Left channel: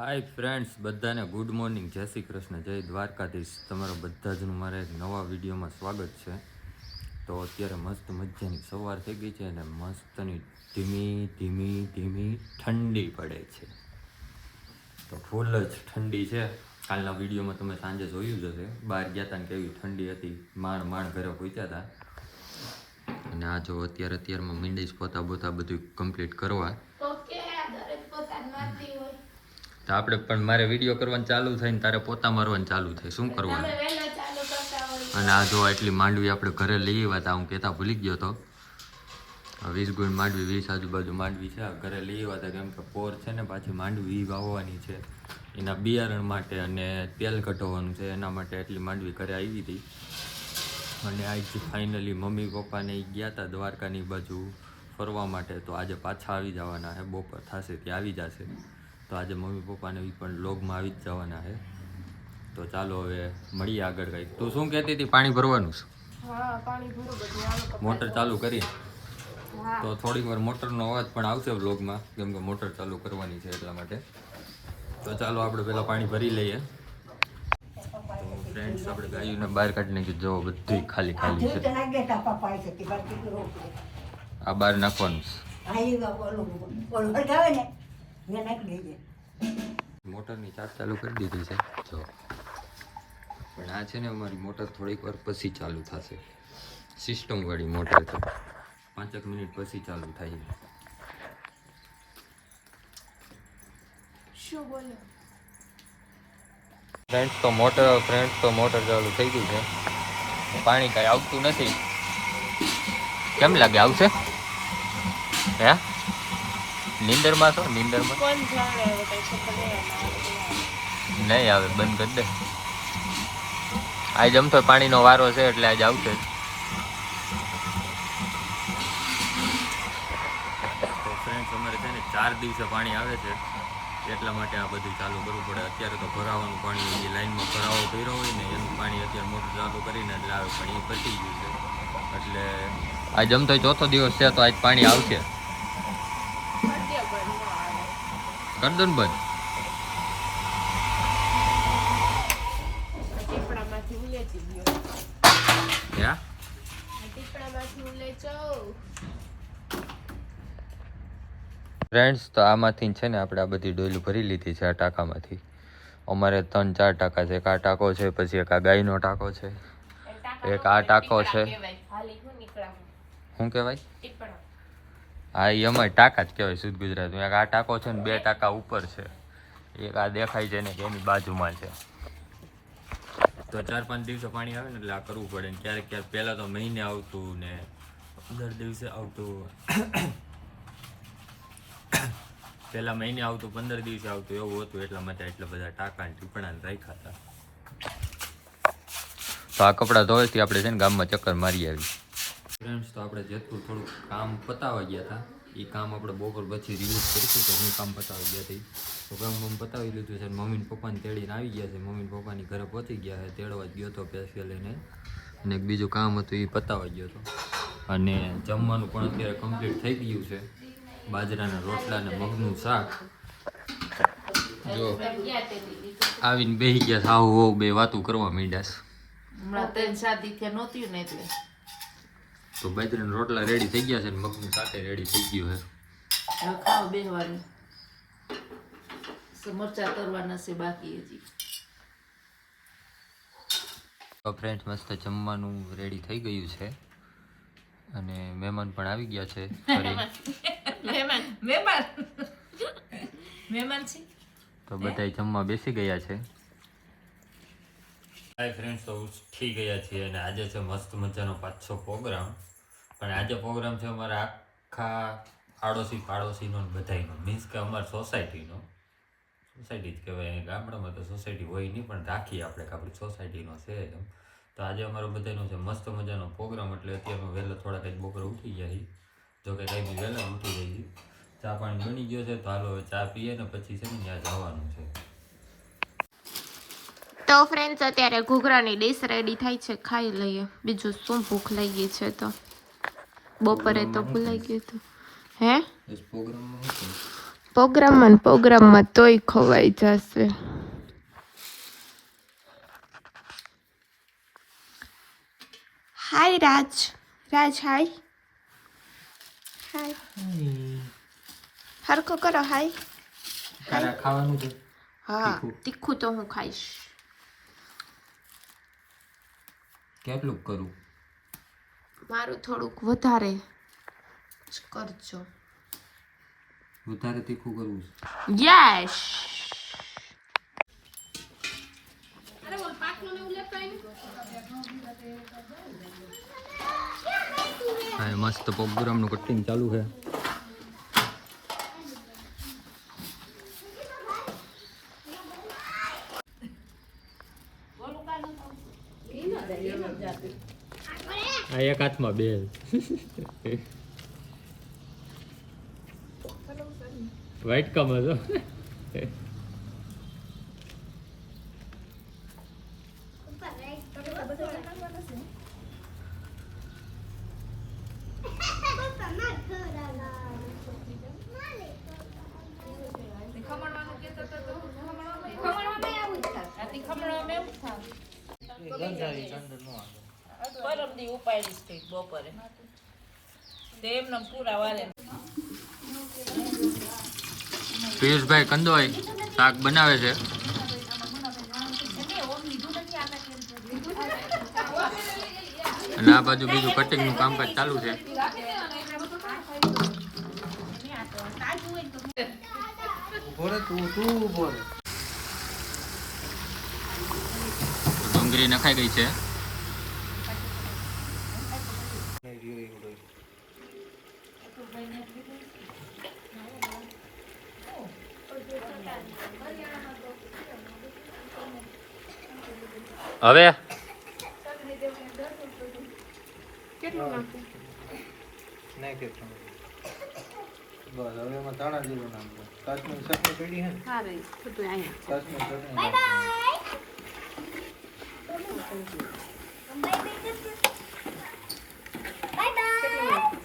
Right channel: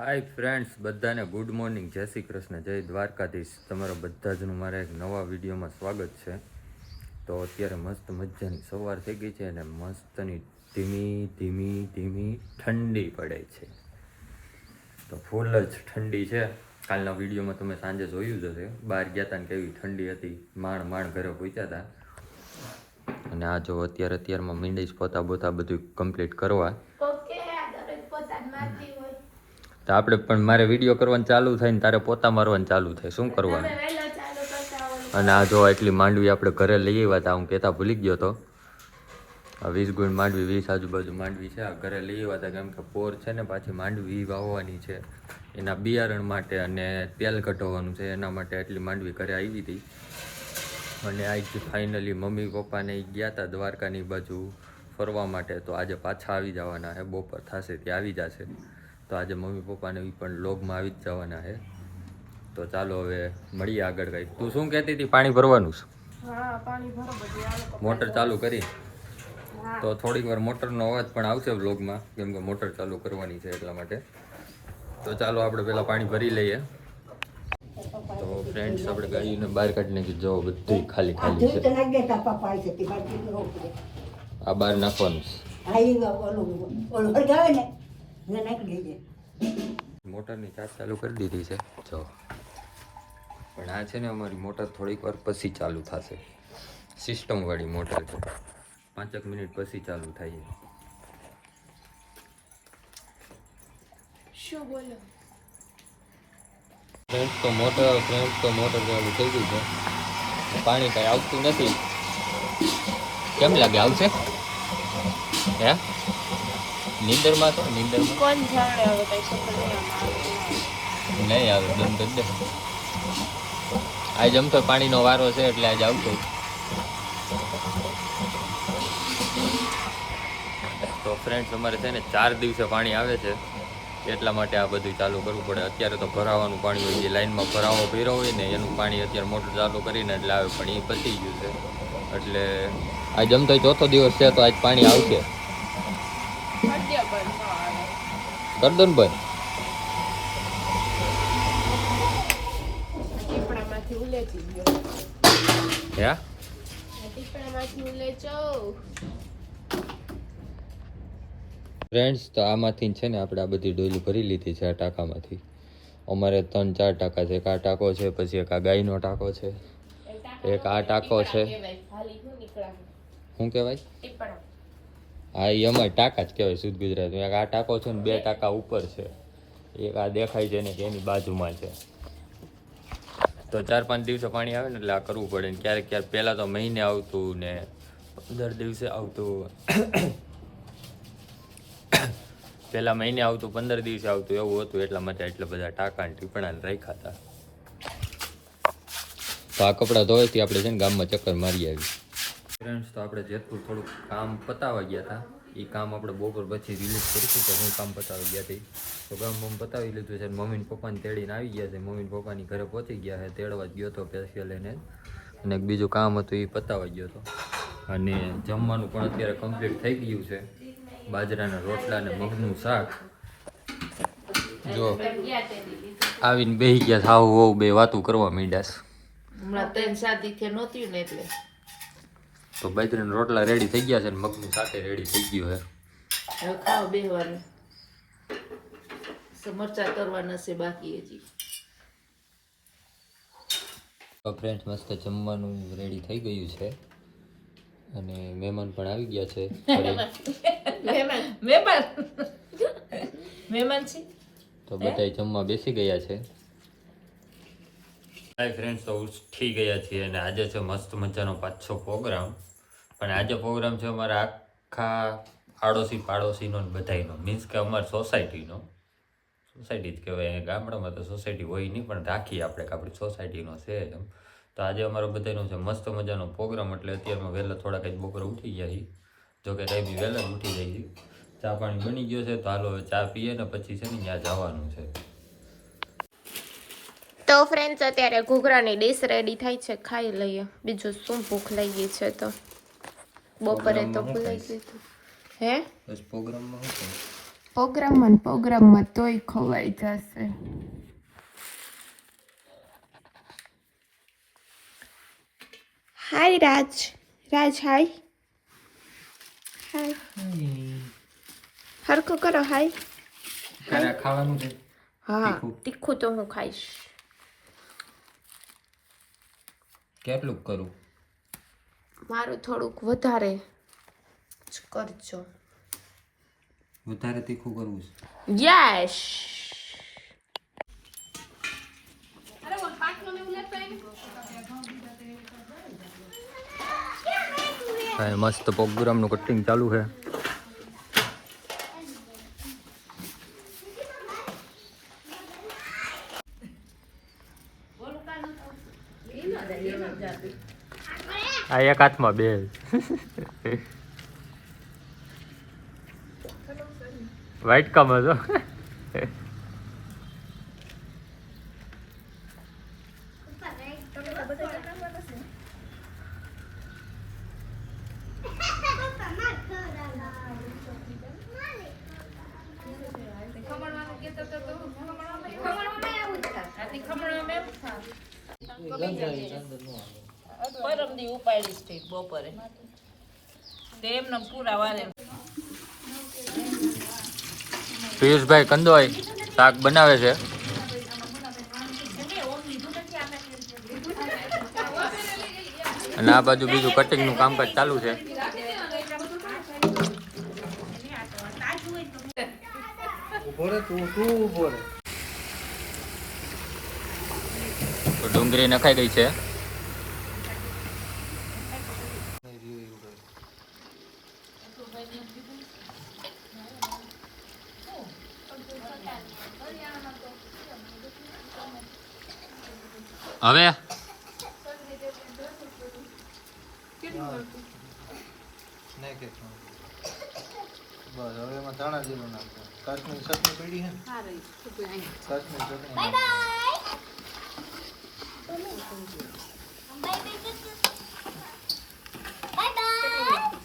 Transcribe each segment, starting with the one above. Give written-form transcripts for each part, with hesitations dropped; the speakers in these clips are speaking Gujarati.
હાય ફ્રેન્ડ્સ, બધાને ગુડ મોર્નિંગ, જય શ્રી કૃષ્ણ, જય દ્વારકાધીશ. તમારા બધા જનું મારા એક નવા વિડીયોમાં સ્વાગત છે. તો અત્યારે મસ્ત મજાની સવાર થઈ ગઈ છે અને મસ્તની ધીમી ધીમી ધીમી ઠંડી પડે છે. તો ફૂલ જ ઠંડી છે. કાલના વિડીયોમાં તમે સાંજે જોયું જ હશે, બહાર ગયા હતા ને કેવી ઠંડી હતી. માંડ ઘરે પહોંચ્યા હતા. અને આ જો અત્યારમાં મીંડીશ પોતા બોતા બધું કમ્પ્લીટ કરવા. તો આપણે પણ મારે વિડીયો કરવાનું ચાલુ થાય ને તારે પોતા મારવાનું ચાલુ થાય, શું કરવાનું? અને આ જો એટલી માંડવી આપણે ઘરે લઈ આવ્યા હતા, હું કહેતા ભૂલી ગયો હતો. 20 ગુણ માંડવી, 20 આજુબાજુ માંડવી છે. આ ઘરે લઈ આવ્યા હતા કેમ કે પોર છે ને પાછી માંડવી વાવવાની છે એના બિયારણ માટે અને તેલ કઢાવવાનું છે એના માટે એટલી માંડવી ઘરે આવી હતી. અને આજ ફાઇનલી મમ્મી પપ્પાને ગયા હતા દ્વારકાની બાજુ ફરવા માટે, તો આજે પાછા આવી જવાના છે. બપોર થશે ત્યાં આવી જશે. તો આજે મમ્મી પપ્પાને પણ વ્લોગમાં આવી જ જવાના છે. તો ચાલો હવે મળીએ આગળ. કંઈક તું શું કહેતી હતી? પાણી ભરવાનું છે? હા, પાણી ભરો બધું. મોટર ચાલુ કરી તો થોડીક વાર મોટરનો અવાજ પણ આવશે વ્લોગમાં, કેમ કે મોટર ચાલુ કરવાની છે એટલા માટે. તો ચાલો આપણે પહેલાં પાણી ભરી લઈએ. તો ફ્રેન્ડ્સ, આપણે ગાયોને બહાર કાઢી નાખી. જો બધી ખાલી ખાલી છે. આ બહાર નાખવાનું મોટરની ચાર્જ ચાલુ કરી દીધી છે જો. પણ આ છે ને અમારી મોટર થોડીક વાર પછી ચાલુ થશે. સિસ્ટમ વાળી મોટર છે, 5 મિનિટ પછી ચાલુ થાય છે. શું બોલો ફ્રેન્ડ્સ તો મોટર ચાલુ થઈ ગઈ છે. પાણી કાંઈ આવતું નથી. કેમ લાગે આવશે? હે નીંદરમાં તો નીંદરમાં નહીં આવે, બંધ કરી દે. આજ આમ તો પાણીનો વારો છે એટલે આજ આવશે. તો ફ્રેન્ડ્સ, અમારે છે ને 4 દિવસે પાણી આવે છે એટલા માટે આ બધું ચાલુ કરવું પડે. અત્યારે તો ભરાવાનું પાણી હોય, જે લાઈનમાં ભરાવો ભર્યો હોય ને એનું પાણી અત્યારે મોટર ચાલુ કરીને એટલે આવે. પણ એ પતી ગયું છે એટલે આજ આમ તો 4થો દિવસ છે તો આજ પાણી આવશે. કર દો ને બંધ. ફ્રેન્ડ્સ, તો આમાંથી છે ને આપણે આ બધી ડોયલું ભરી લીધી છે. આ ટાંકામાંથી અમારે 3-4 ટાંકા છે. એક આ ટાંકો છે, પછી એક આ ગાયનો ટાંકો છે, એક આ ટાંકો છે. શું કહેવાય? હા, એ અમારે ટાંકા જ કહેવાય શુદ્ધ ગુજરાતમાં. એક આ ટાંકો છે ને 2 ટાંકા ઉપર છે. એક આ દેખાય છે ને કે એની બાજુમાં છે. તો 4-5 દિવસે પાણી આવે ને એટલે આ કરવું પડે. ક્યારેક પહેલાં તો મહિને આવતું ને 15 દિવસે આવતું. પહેલાં મહિને આવતું, 15 દિવસે આવતું, એવું હતું. એટલા માટે એટલા બધા ટાંકા ને ટીપણા રાખ્યા હતા. તો આ કપડાં ધોવાથી આપણે છે ને ગામમાં ચક્કર મારી આવી. ફ્રેન્ડ્સ, તો આપણે જેતપુર થોડુંક કામ પતાવવા ગયા હતા. એ કામ આપણે બપોર પછી રિલીઝ કરીશું. તો હું કામ પતાવવા ગયા હતી તો ગામ પતાવી લીધું છે. મમ્મી પપ્પાને તેડીને આવી ગયા છે. મમ્મી પપ્પાની ઘરે પહોંચી ગયા છે. તેડવા જ ગયો હતો સ્પેશિયલ એને. અને એક બીજું કામ હતું એ પતાવવા ગયો હતો. અને જમવાનું પણ અત્યારે કમ્પ્લીટ થઈ ગયું છે. બાજરાના રોટલા ને મગનું શાક. જો આવીને બેસી ગયા સાવ વહુ બે વાતું કરવા માંડ્યા. હમણાં તૈન શાદી કે નહોતી ને એટલે તો બાજરાના રોટલા રેડી થઈ ગયા છે ને મગનું શાક રેડી થઈ ગયું છે. હવે ખાવા બેસવાનું. મરચા કરવાના છે બાકી હજી. તો ફ્રેન્ડ્સ, મસ્ત જમવાનું રેડી થઈ ગયું છે અને મહેમાન પણ આવી ગયા છે. મહેમાન છે તો બધા જમવા બેસી ગયા છે. હાય ફ્રેન્ડ્સ, તો ઉઠી ગયા છીએ અને આજે છે મસ્ત મજાનો પાછો પ્રોગ્રામ. પણ આજે પ્રોગ્રામ છે અમારા આખા આડોશી પાડોશીનો બધાયનો, મીન્સ કે અમારી સોસાયટીનો. સોસાયટી જ કહેવાય. ગામડામાં તો સોસાયટી હોય નહીં, પણ રાખીએ આપણે કે આપણી સોસાયટીનો છે એમ. તો આજે અમારો બધાનો છે મસ્ત મજાનો પ્રોગ્રામ. એટલે અત્યારમાં વહેલા થોડાક જ બપોરે ઉઠી ગયા છીએ. જોકે કંઈ વહેલા જ ઉઠી જાય. ચા પાણી બની ગયો છે તો હાલો હવે ચા પીએ ને પછી છે ને ત્યાં જવાનું છે. તો ફ્રેન્ડ્સ, અત્યારે ઘૂઘરાની ડીશ રેડી થાય છે, ખાઈ લઈએ. બીજું શું, ભૂખ લાગી છે તો બપોરે તો ભૂલાઈ ગયું હતું. હે બસ પ્રોગ્રામમાં શું પ્રોગ્રામમાં તોય ખવાઈ જશે. હાય રાજ હાય હરખો કરો હાય. તારે ખાવાનું છે? હા તીખું તો હું ખાઈશ. કેટલું કરું? મારું થોડુંક વધારે જ કરજો. વધારે તીખું કરવું છે? યસ. મસ્ત પ્રોગ્રામનું કટિંગ ચાલુ છે. આ એક હાથમાં બે. વ્હાઈટ કામ હતો. પિયુષભાઈ કંદોય શાક બનાવે છે. અને આ બાજુ બીજું કટિંગ નું કામકાજ ચાલુ છે. ડુંગળી નખાઈ ગઈ છે. હવે બસ હવે એમાં ધાણા જીરું નાખો. કાશ્મીરી ચટણી પડી હે ને? કાશ્મીરી ચટણી નાખો.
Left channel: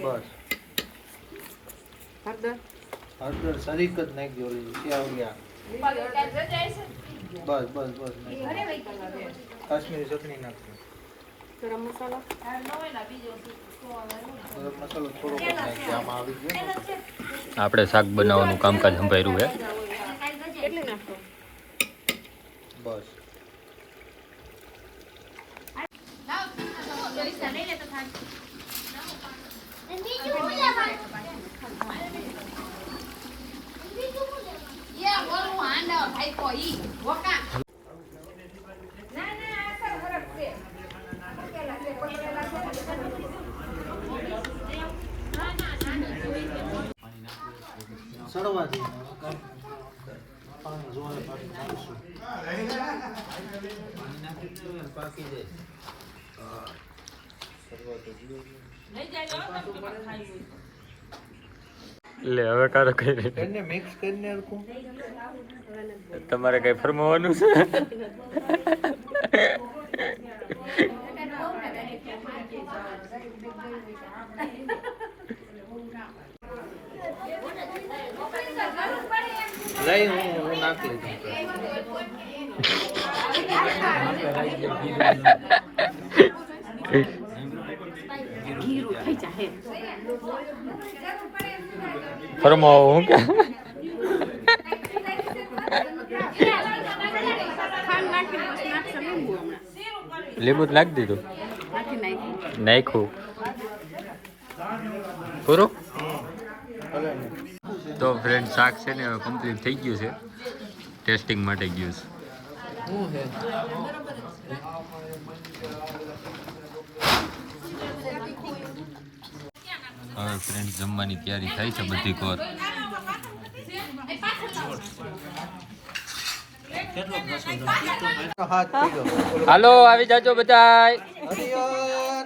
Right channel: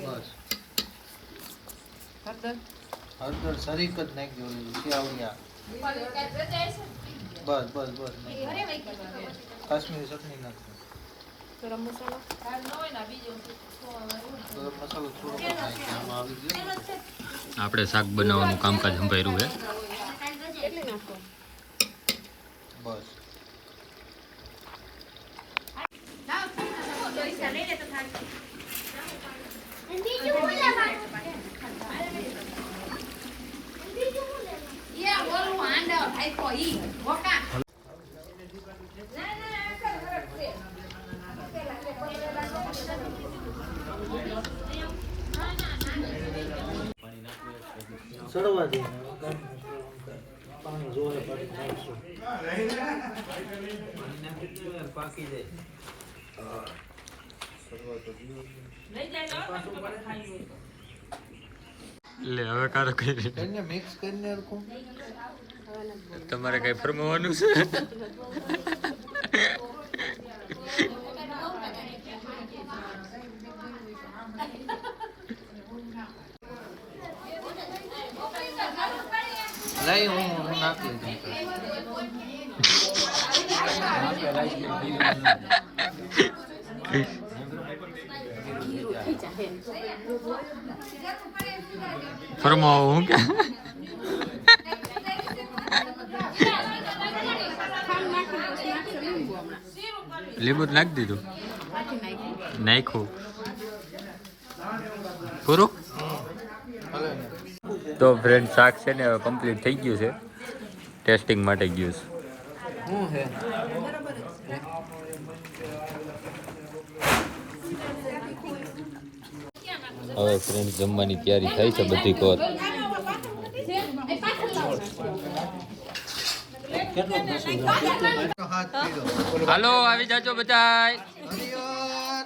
બસ હળદર સરીક જ નાખજો. શિયાવડિયા બસ બસ બસ કાશ્મીરી ચટણી નાખજો. ગરમ મસાલો થોડોક જ નાખજો. આમાં આવી ગયો ને. આપણે શાક બનાવવાનું કામકાજ સંભાળ્યું છે. બસ સડવા દે. પાણી જોરે પાણી નાખશું. લે હવે કારો કઈ એને મિક્સ કરીને હરખું. તમારે કઈ ફરમાવાનું છે? લઈ હું નાખી દઉં. ફરમાવો હું કે લીંબુ નાખી દીધું. નાખ્યું પૂરું. તો ફ્રેન્ડ શાક છે ને હવે કમ્પ્લીટ થઈ ગયું છે. ટેસ્ટિંગ માટે ગયું છે. હવે ફ્રેન્ડ જમવાની તૈયારી થાય છે બધી કોર. હાથ પીડો. હાલો આવી જાજો બધાય. હરિયર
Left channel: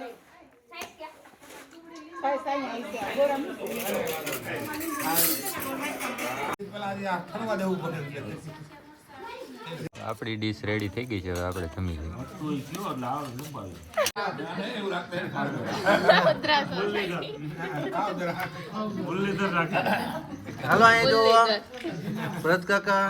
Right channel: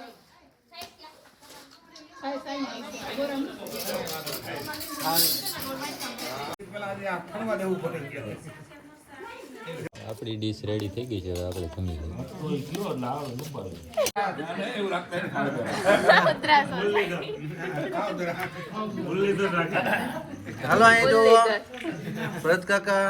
આપણી ડીશ રેડી થઈ ગઈ છે. હવે આપણે જમી લઈએ. હાલો અહીંયા જોવા ભરત કાકા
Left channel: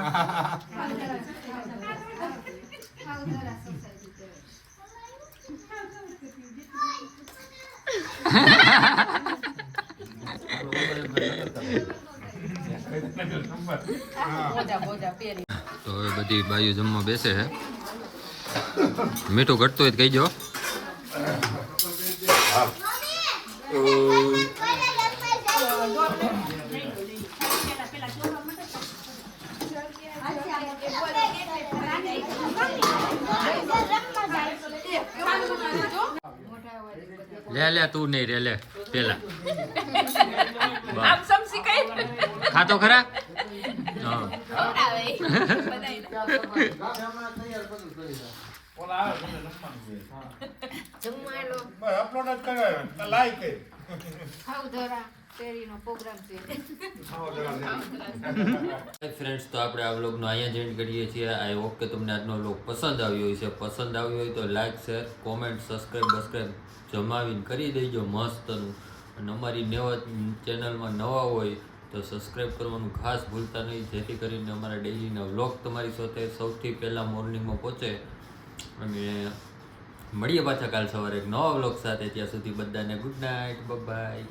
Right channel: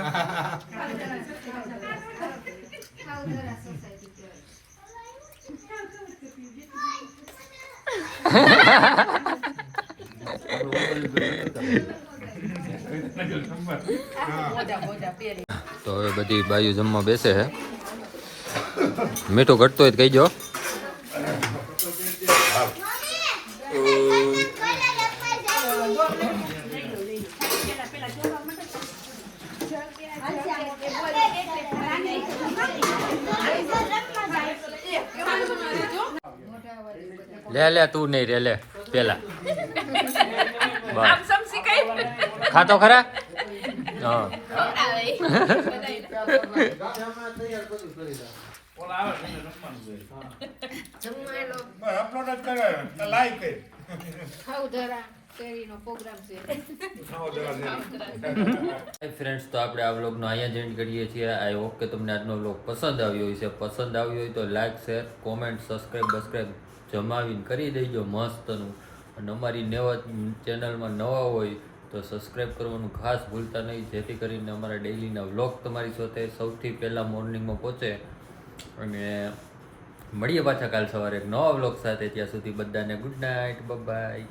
તો હવે બધી બાયું જમવા બેસે છે. મીઠું ઘટતું હોય તો કહીજો. લે તું નહીં રે લે પેલા બસ ખાતો ખરા. હા ફ્રેન્ડ્સ, તો આપણે આ વ્લોગનો અહીંયા જ એન્ડ કરીએ છીએ. આઈ હોપ કે તમને આજનો વ્લોગ પસંદ આવ્યો હશે. પસંદ આવ્યો હોય તો લાઈક, શેર, કોમેન્ટ, સબસ્ક્રાઈબ જમાવીને કરી દેજો મસ્તનું. અને અમારી નવા ચેનલમાં નવા હોય તો સબસ્ક્રાઈબ કરવાનું ખાસ ભૂલતા નહીં, જેથી કરીને અમારા ડેઈલીના વ્લોગ તમારી સાથે સૌથી પહેલાં મોર્નિંગમાં પહોંચે. અને મળીએ પાછા કાલ સવારે એક નવા વ્લોગ સાથે. ત્યાં સુધી બધાને ગુડ નાઇટ, બાય.